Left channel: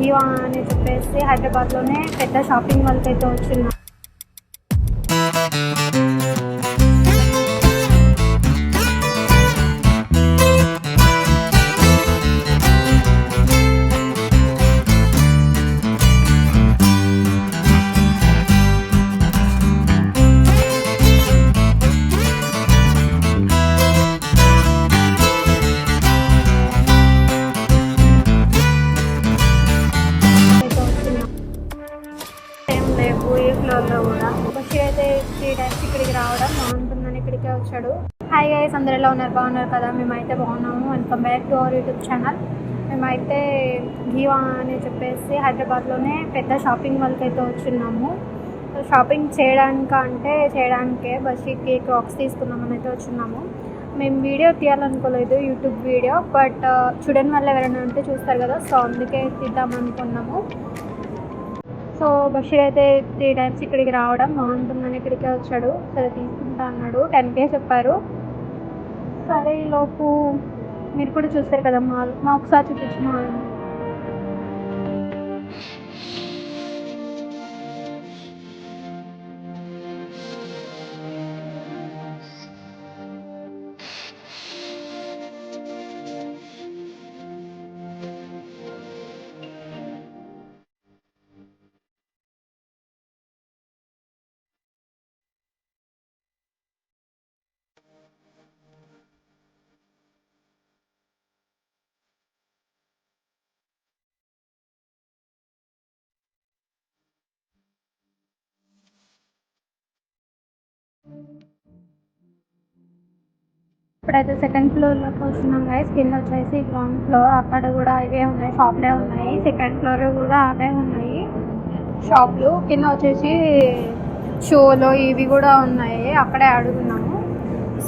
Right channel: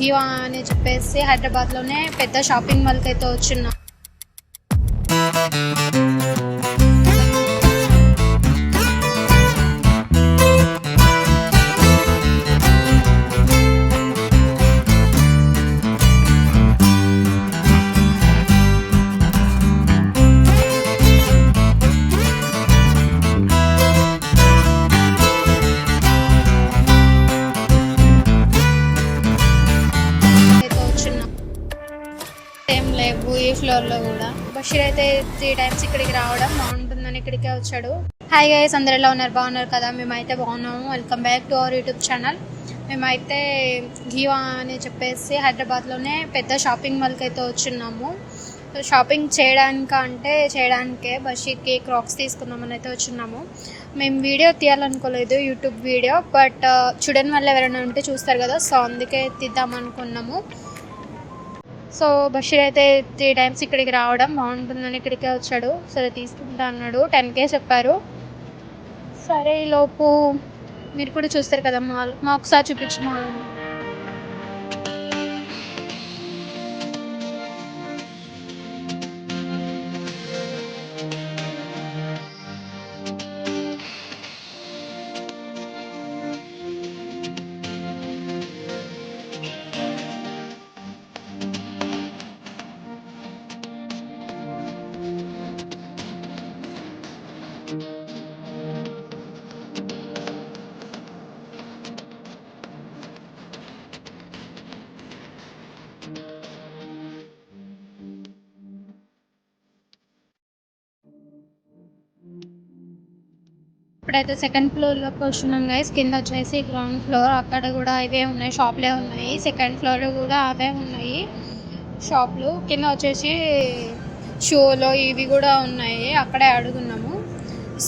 ఘీవా అని చెప్పేసి హైదరాబాద్లోనే పెద్ద షాపింగ్ మాల్కి అయితే వచ్చున్నాం. ఫ్లోర్లో కూడా బషీర్ అయితే 3 times ఇక్కడికి రావడం బాగుంటుందని ఇక్కడికే వచ్చాడు. హాయ్ గైస్, అందరు ఎలా ఉన్నారు? బాగున్నారు కదా? మేమైతే బాగున్నాము. Welcome back to our YouTube channel. మేమైతే ఘీవా అని చెప్పేసి హైదరాబాద్లోనే పెద్ద షాపింగ్ మాల్కి అయితే వచ్చున్నాము. షాపింగ్ చేయడానికే బషీర్కి క్రాక్స్ తీసుకుందామని అయితే వచ్చున్నాము. మేము వీడియో తీయాలనుకోలేదు, యూట్యూబ్ వీడియో, బట్ చూడని వాళ్ళు ఎవరైనా ఉంటే చూస్తారు కదా, సో అందుకే తీద్దాం అనుకున్నాము. సో బషీర్ అయితే 3 times ఇక్కడికి రావడం బాగుంటుందని ఇక్కడికే వచ్చాడు. సరే తీసుకుంటా అన్నాడు. 10K చెప్పారు. సరే ఈలోపు మీరు కూడా చూస్తారు కదా మాల్, మా ఒకసారి చూపించిన మాల్. ఇప్పుడైతే 2nd ఫ్లోర్లోకి వస్తున్నాం గైస్. కింద వచ్చేసి గ్రౌండ్ ఫ్లోర్, అక్కడ కూడా ఇవే ఉన్నాయి, షాప్లే ఉన్నాయి. 2nd ఫ్లోర్ కూడా అవే ఉన్నాయి షాప్లు. కింద వచ్చేసి షోలో ఇవి కూడా ఉన్నాయి, అక్కడే అడుగున్నాము.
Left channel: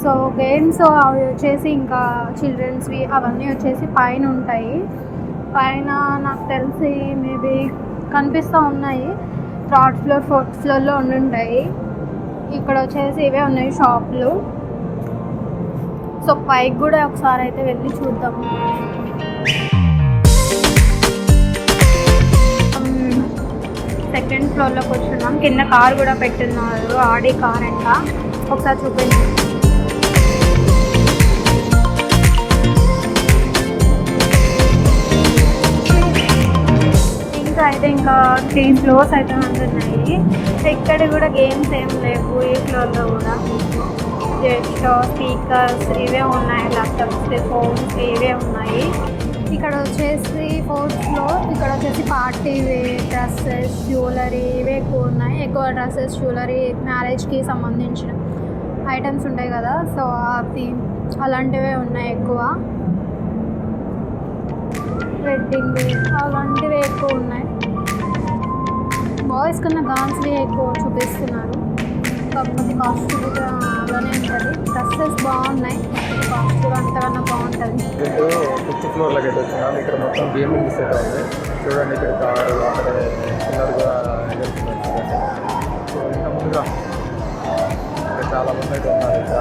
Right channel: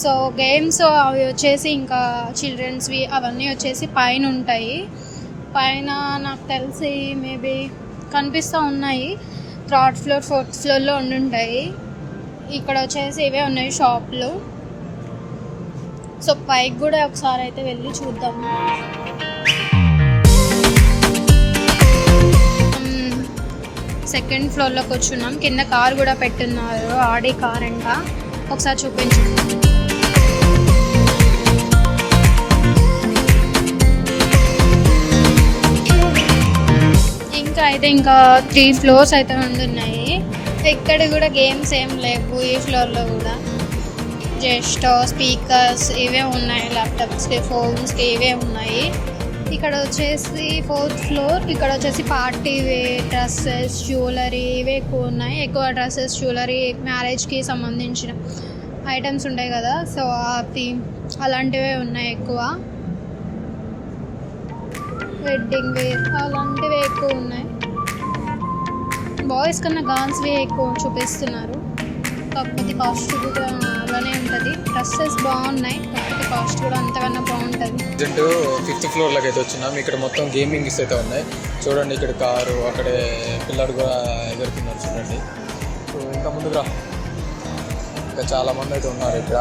సో గేమ్స్ అవి వచ్చేసి ఇంకా చిల్డ్రన్స్వి అవన్నీ వచ్చేసి పైన ఉంటాయి. పైన నాకు తెలిసి మేబీ కనిపిస్తూ ఉన్నాయి, 3rd ఫ్లోర్ 4th ఫ్లోర్లో ఉండుంటాయి. ఇక్కడ వచ్చేసి ఇవే ఉన్నాయి షాప్లు. సో పైకి కూడా ఒకసారి అయితే వెళ్ళి చూద్దాము. 2nd ఫ్లోర్లోకి వచ్చున్నాం. కింద కార్ కూడా పెట్టున్నారు, ఆడి కార్ అంట. ఒకసారి చూపించండి. ఇంకా 3 ఫ్లోర్స్ అయితే ఉంటున్నాయి. ఇక్కడ కూడా గేమ్స్ ఏం లేవు ఈ ఫ్లోర్లో కూడా. జస్ట్ స్పీకర్స్ ఇవే ఉన్నాయి, ల్యాప్టాప్స్కి, ఫోన్స్కి ఇవే ఉన్నాయి. ఇక్కడ వచ్చేసి 4th ఫ్లోర్. ఇక్కడ వచ్చేసి పార్టీ వేర్ డ్రెస్సెస్, జ్యువెలరీ ఇవే ఎక్కువ ఉన్నాయి. ఎక్కువ డ్రెస్సెస్, జ్యువెలరీ, మ్యారేజ్కి సంబంధించిన ఐటమ్స్ ఉంటాయి కదా, సో అవి అలాంటివే ఉన్నాయి ఎక్కువ. వెడ్డింగ్ వేర్ అలాంటివి ఎక్కువ ఉన్నాయి. బాయ్స్ కన్నా గర్ల్స్వి ఎక్కువ చూపిస్తున్నారు. కాకపోతే కాస్ట్ కూడా అలానే ఉంటుంది. డ్రెస్సెస్ బాగున్నాయి, కాకపోతే కాస్ట్ కూడా అంతకన్నా బాగుంటుంది. 5th ఫ్లోర్లోకి అయితే వచ్చినాం. ఇక్కడ మొత్తం గేమింగ్స్ అయితే ఉన్నాయి. చూడండి, ఇక్కడ కారు, అక్కడే పిల్లలు కూడా ఎదుర్కొన్నారు. చూడండి, ముందుగా ఇంకా చాలా మంది అయితే ఉన్నారు. ఇక్కడ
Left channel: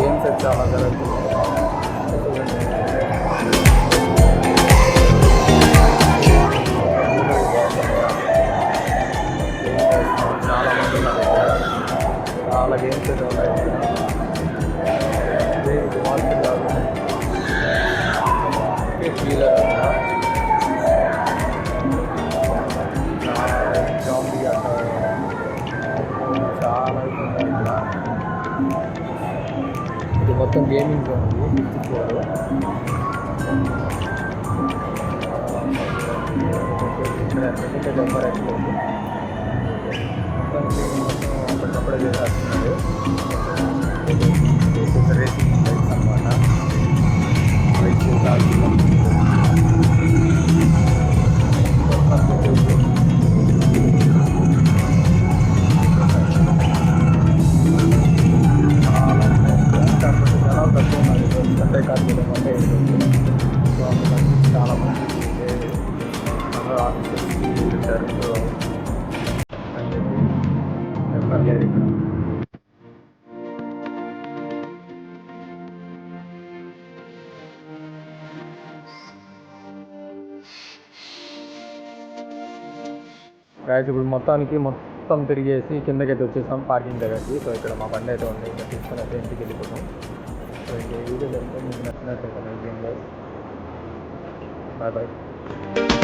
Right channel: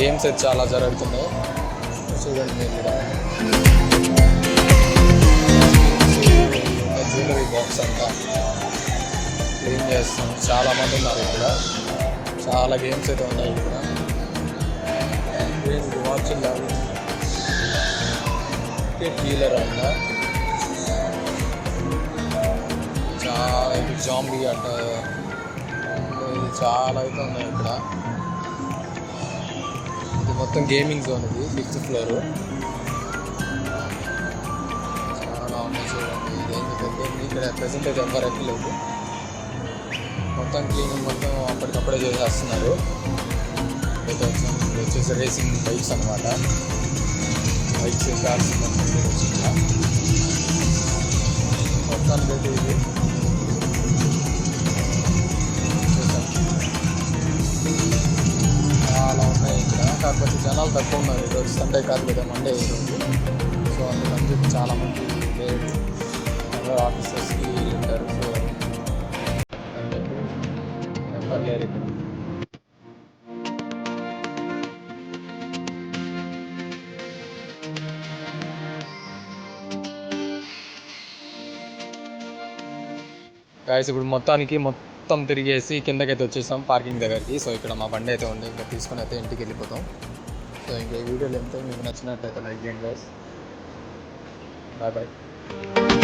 గేమ్స్ అయితే చాలా జరుగుతున్నాయి. చూడండి, చాలా మంది ఉన్నారు. ఇక్కడ చాలా గేమ్స్ అయితే ఉన్నాయి. వీలర్ అంట, జాంబీ అంట, చాలా అయితే ఉన్నాయి ఇక్కడ. ఇది మొత్తం గేమింగ్ జోన్ ఉంది, 5th ఫ్లోర్. ప్రెసెంట్ అయితే ఎవరు ఎక్కలేదు. మొత్తం గేమింగ్ మొత్తం అప్పటికప్పుడే చేసేస్తున్నారు. వచ్చేసి రేసింగ్ బైక్స్ అనమాట. బైక్స్ కార్స్ చాలా మంది ఆఫీసెస్కి వెళ్ళారు. గాయస్ ఇప్పుడు మొత్తం తిరిగేసి కిందకైతే వచ్చేసాం పార్కింగ్ దగ్గరికి. సో ఇక్కడ మా బండి అయితే ఉంది, ఇంకా తీసుకుని అయితే ఇంటికి వెళ్ళిపోతాం. సో ఇంకా ఈ వీడియోలో ఎంతో మీకు నచ్చినట్లయితే లైక్ చేయండి. Bye bye.